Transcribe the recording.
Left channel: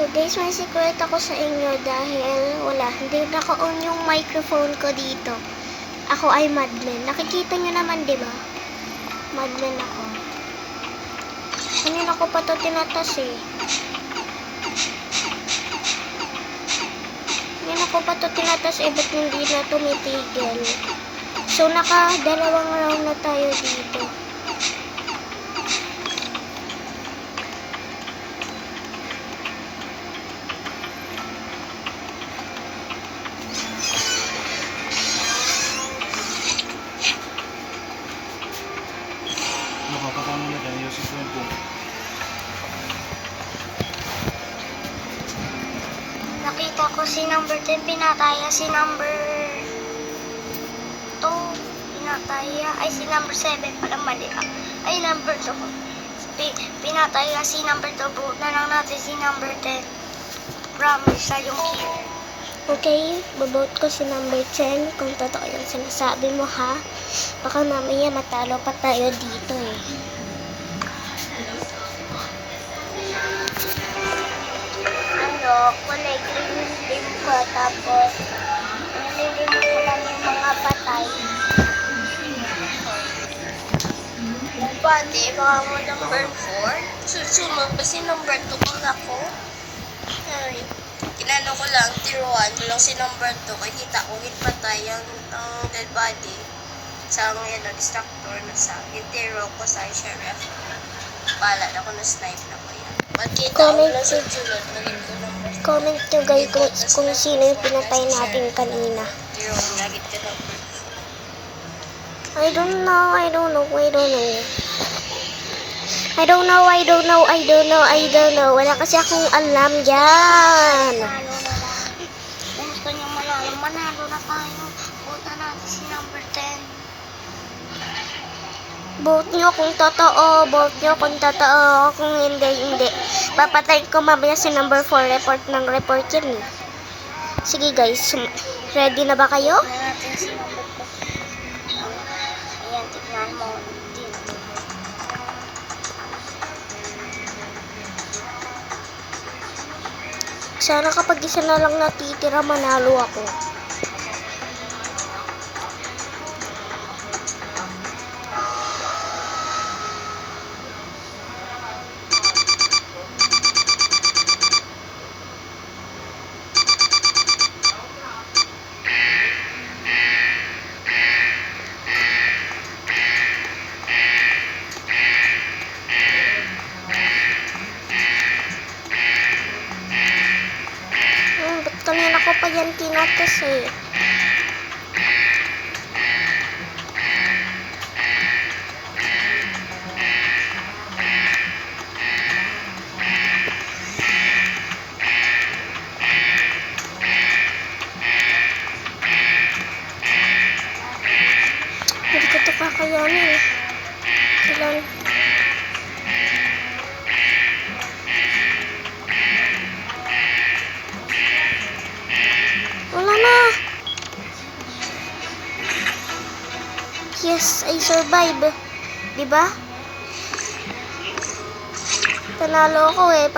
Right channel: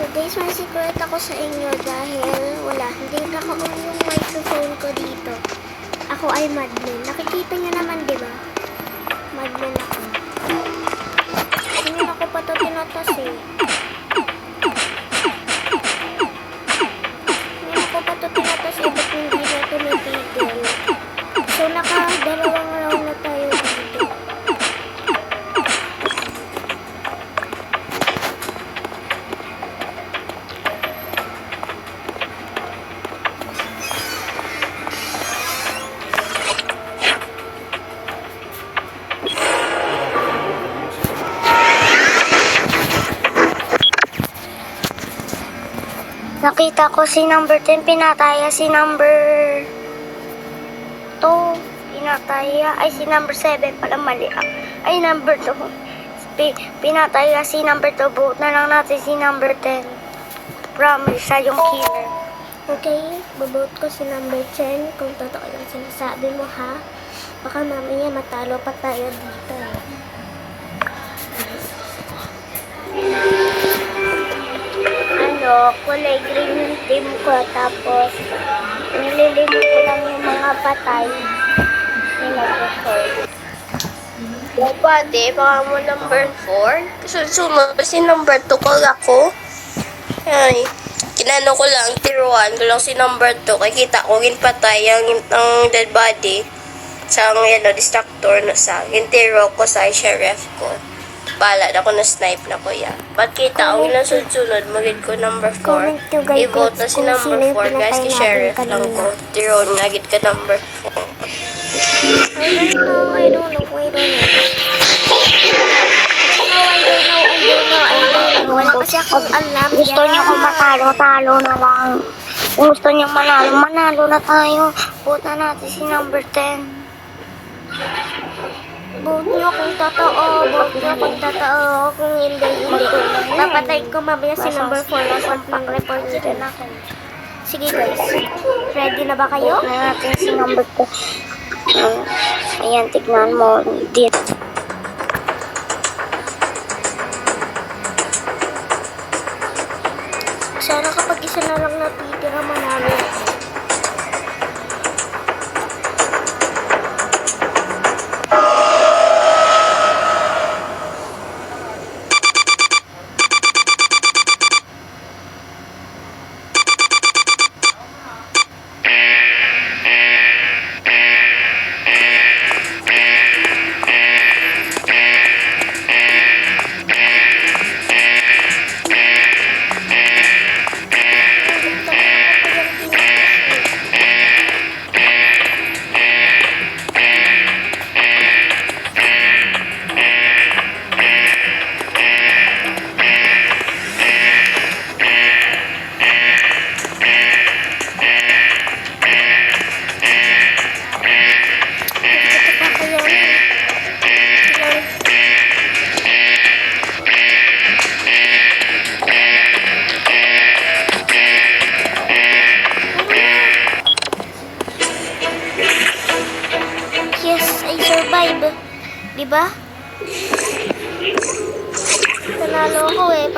So guys, may secret ako sa inyo dahil hindi naka-on yung microphone ko dito. Ako ay madman. Nakikita nyo naman, di ba? Madman ako. Kanina ko pa to tinatas eh. Kanina ko pa to tinatas eh, ba't hindi na tumitigil? So naka-dalawang round na tayo dito. Nakita ko si number 10, pinataya si number 2, pinataya, ay si number 7 pala, mali ay number 2, pinataya si number 2, vote na lang natin si number 10, promise siya yung killer. Okay, babote ko si number 10 kung totoo yung sinasabi mo ha, baka mamaya matalo pa tayo dito eh. Kulay green yung team ko, tapos nililimit ko lang yung mga patay. Pwede, baka mo number 4. Susunod kasi number 2 ko ako. Ay, kinano ko lang, tiruan ko lang si number 2. Kaya kita ko, ginpatay ang dead body sa distractor na sa tiro ko sa sheriff ko. Bala na ko na snipe na kuya. Ba't kita ko na sunod magid ko number 4. Comment nyo guys I-vote na kung sino yung pinatay natin kanina. Tiruan nga gid ka number 4. I don't know. Wala kasi akong alam Gusto yan. niyo kung matalo na lang. Kung gusto niyo manalo na tayo. Vote na natin si number 10. Vote nyo kung totoo. Kung hindi. Papatay ko mamaya si number 4. Report yun. Sige guys, ready na ba kayo? Vote na natin si number 2. Ayan, tignan mo. Dito. Sana kapag isa na lang natitira, manalo ako. Kanina ko pa yan tinatas eh. Hindi ko ito kakayanin. Ilan? Wala na. Yes, I survive. Diba? Panalo ako eh.